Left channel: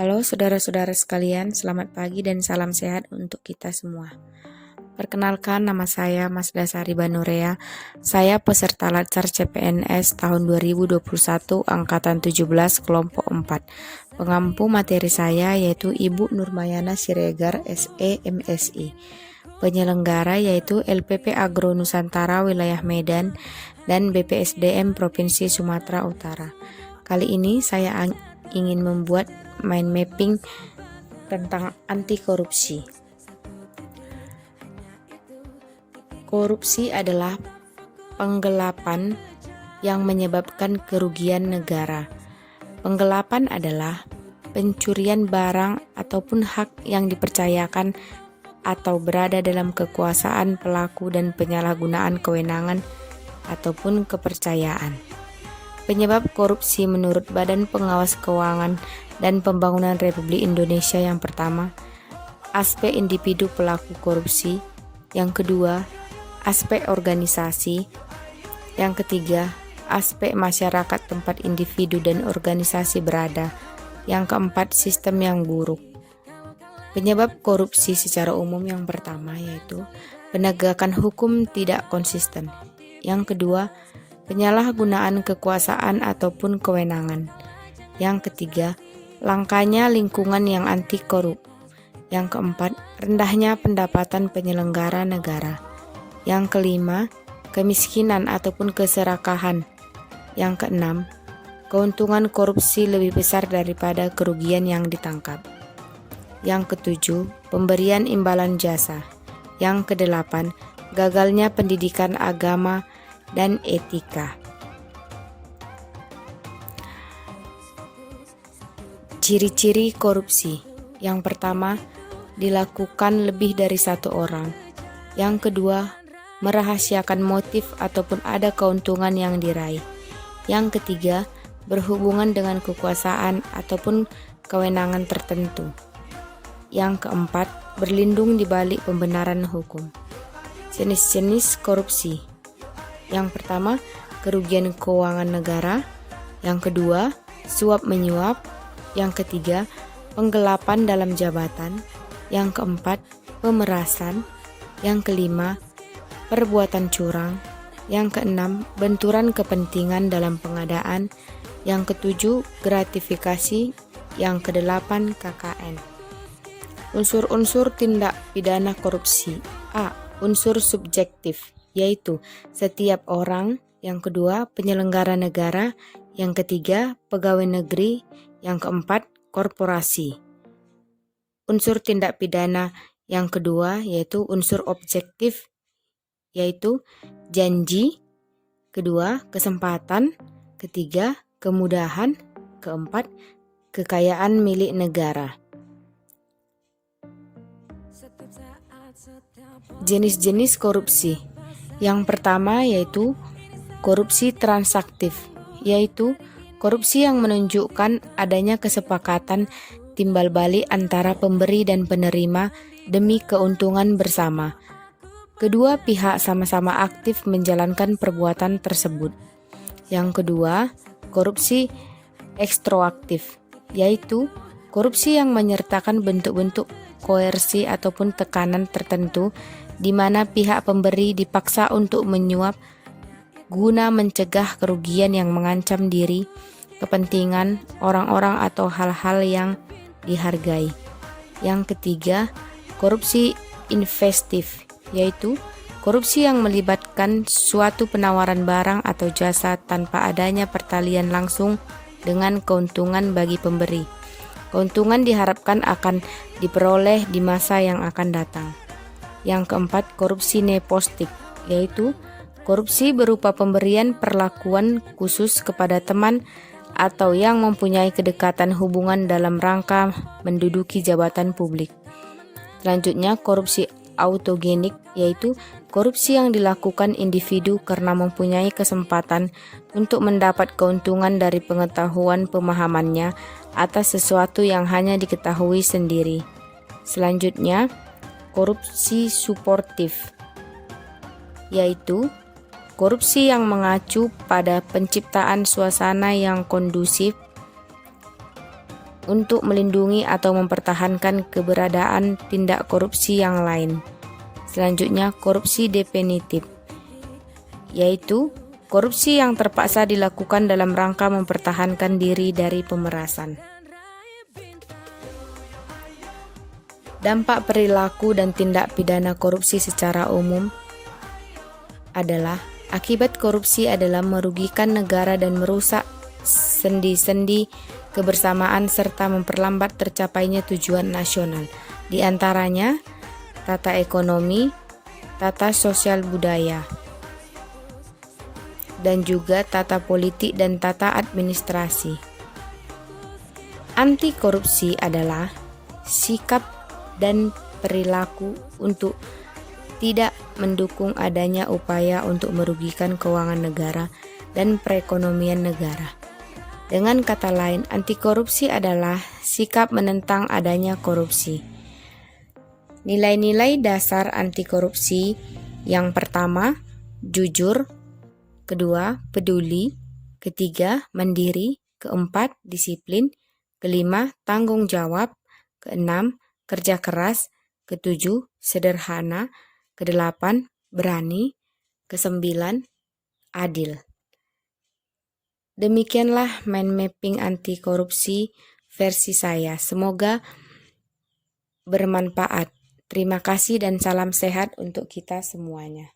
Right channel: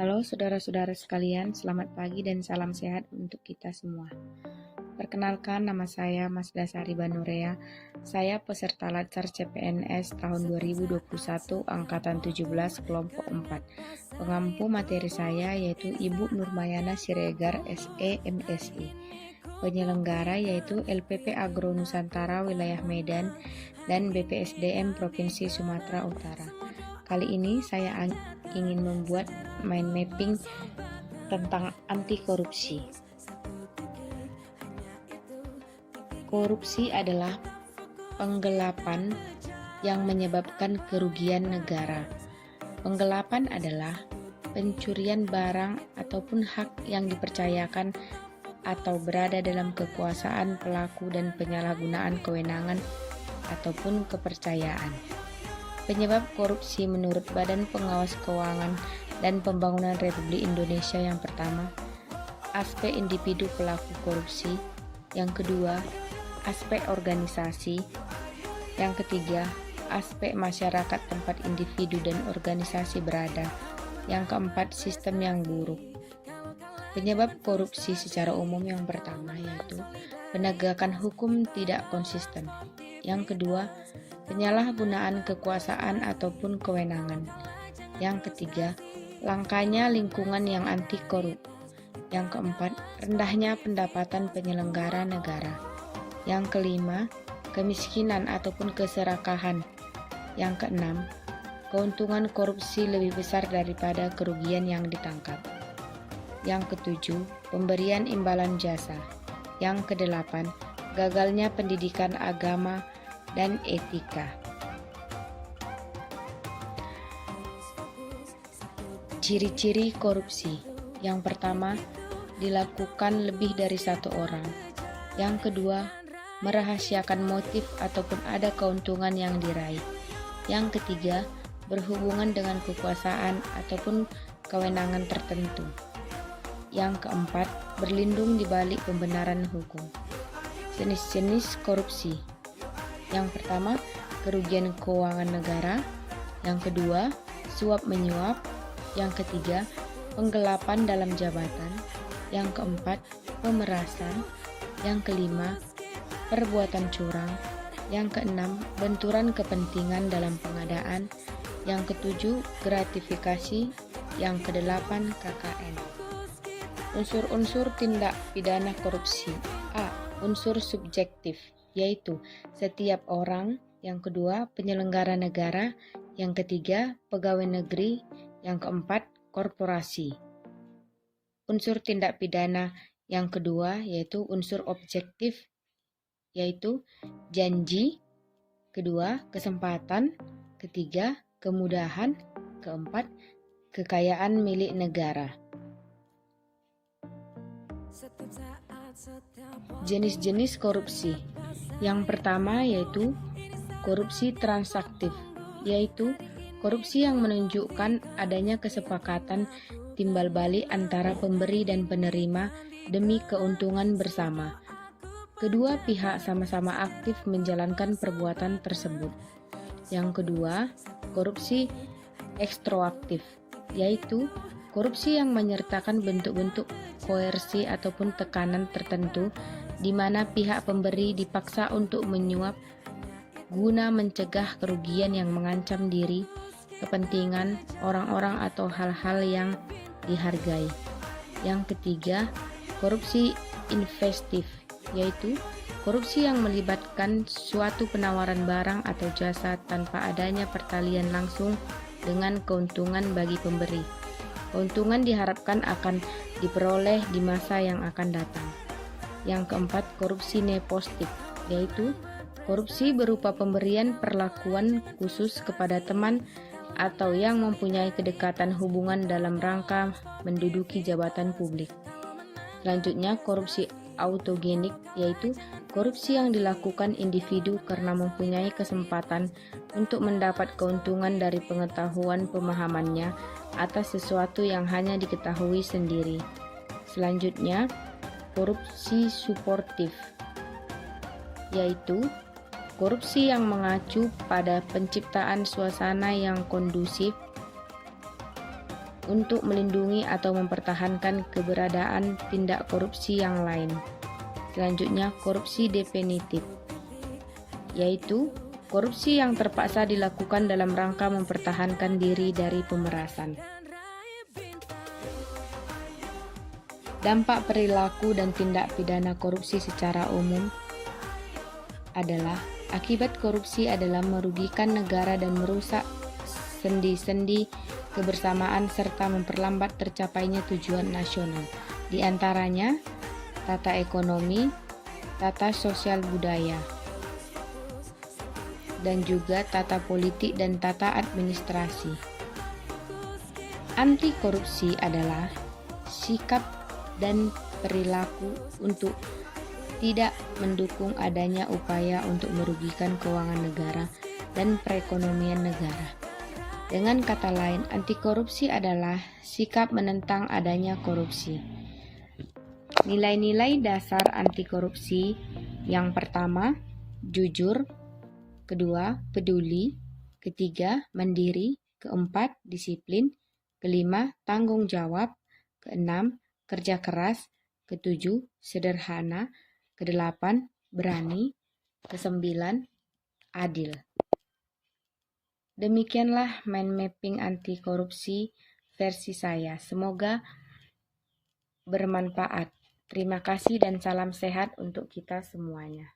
Halo saudara-saudara sekalian, selamat pagi dan salam sehat untuk kita semua. Perkenalkan, nama saya Mas Dasari Banurea. Saya peserta Latsar CPNS tahun 2021 angkatan 17 kelompok 4. Pengampu materi saya yaitu Ibu Nurmayana Siregar SE MSI. Penyelenggara yaitu LPP Agro Nusantara Wilayah Medan dan BPSDM Provinsi Sumatera Utara. Kali ini saya ingin membuat mind mapping tentang anti korupsi. Korupsi adalah penggelapan yang menyebabkan kerugian negara. Penggelapan adalah pencurian barang ataupun hak yang dipercayakan atau berada dalam kekuasaan pelaku dan penyalahgunaan kewenangan ataupun kepercayaan. Penyebab korupsi menurut Badan Pengawas Keuangan dan Pembangunan Republik Indonesia yang pertama, aspek individu pelaku korupsi, yang kedua, aspek organisasi, yang ketiga, aspek masyarakat tempat individu dan organisasi berada, yang keempat, sistem yang buruk. Penyebab korupsi secara umum yang pertama yaitu penegakan hukum tidak konsisten, yang kedua, penyalahgunaan kekuasaan ataupun kewenangan, yang ketiga, langkanya lingkungan yang anti korup, yang keempat, rendahnya pendapatan penyelenggara negara, yang kelima, kemiskinan ataupun keserakahan, yang keenam, keuntungan korupsi lebih besar daripada kerugian yang ditangkap, yang ketujuh, pemberian imbalan jasa, yang kedelapan, gagalnya pendidikan agama dan etika. Ciri-ciri korupsi. Yang pertama, dilakukan lebih dari satu orang. Yang kedua, merahasiakan motif ataupun ada keuntungan yang diraih. Yang ketiga, berhubungan dengan kekuasaan ataupun kewenangan tertentu. Yang keempat, berlindung di balik pembenaran hukum. Jenis-jenis korupsi. Yang pertama, kerugian keuangan negara. Yang kedua, suap menyuap. Yang ketiga, penggelapan dalam jabatan. Yang keempat, pemerasan. Yang kelima, perbuatan curang. Yang keenam, benturan kepentingan dalam pengadaan. Yang ketujuh, gratifikasi. Yang kedelapan, KKN. Unsur-unsur tindak pidana korupsi. A. Unsur subjektif, yaitu setiap orang. Yang kedua, penyelenggara negara. Yang ketiga, pegawai negeri. Yang keempat, korporasi. Unsur tindak pidana yang kedua yaitu unsur objektif, yaitu janji. Kedua, kesempatan. Ketiga, kemudahan. Keempat, kekayaan milik negara. Jenis-jenis korupsi. Yang pertama yaitu korupsi transaktif, yaitu korupsi yang menunjukkan adanya kesepakatan timbal balik antara pemberi dan penerima demi keuntungan bersama. Kedua pihak sama-sama aktif menjalankan perbuatan tersebut. Yang kedua, korupsi ekstroaktif, yaitu korupsi yang menyertakan bentuk-bentuk koersi ataupun tekanan tertentu di mana pihak pemberi dipaksa untuk menyuap guna mencegah kerugian yang mengancam diri, kepentingan orang-orang atau hal-hal yang dihargai. Yang ketiga, korupsi investif, yaitu korupsi yang melibatkan suatu penawaran barang atau jasa tanpa adanya pertalian langsung dengan keuntungan bagi pemberi. Keuntungan diharapkan akan diperoleh di masa yang akan datang. Yang keempat, korupsi nepotistik, yaitu korupsi berupa pemberian perlakuan khusus kepada teman atau yang mempunyai kedekatan hubungan dalam rangka menduduki jabatan publik. Selanjutnya, korupsi autogenik, yaitu korupsi yang dilakukan individu karena mempunyai kesempatan untuk mendapat keuntungan dari pengetahuan pemahamannya atas sesuatu yang hanya diketahui sendiri. Selanjutnya, korupsi suportif, yaitu korupsi yang mengacu pada penciptaan suasana yang kondusif untuk melindungi atau mempertahankan keberadaan tindak korupsi yang lain. Selanjutnya, korupsi definitif, yaitu korupsi yang terpaksa dilakukan dalam rangka mempertahankan diri dari pemerasan. Dampak perilaku dan tindak pidana korupsi secara umum adalah akibat korupsi adalah merugikan negara dan merusak sendi-sendi kebersamaan serta memperlambat tercapainya tujuan nasional, di antaranya tata ekonomi, tata sosial budaya, dan juga tata politik dan tata administrasi. Anti korupsi adalah sikap dan perilaku untuk tidak mendukung adanya upaya untuk merugikan keuangan negara dan perekonomian negara. Dengan kata lain, anti korupsi adalah sikap menentang adanya korupsi. Nilai-nilai dasar anti korupsi: yang pertama, jujur; kedua, peduli; ketiga, mandiri; keempat, disiplin; kelima, tanggung jawab; keenam, kerja keras; ketujuh, sederhana; kedelapan, berani; kesembilan, adil. Demikianlah mind mapping anti korupsi versi saya. Semoga bermanfaat. Terima kasih dan salam sehat untuk kita semuanya.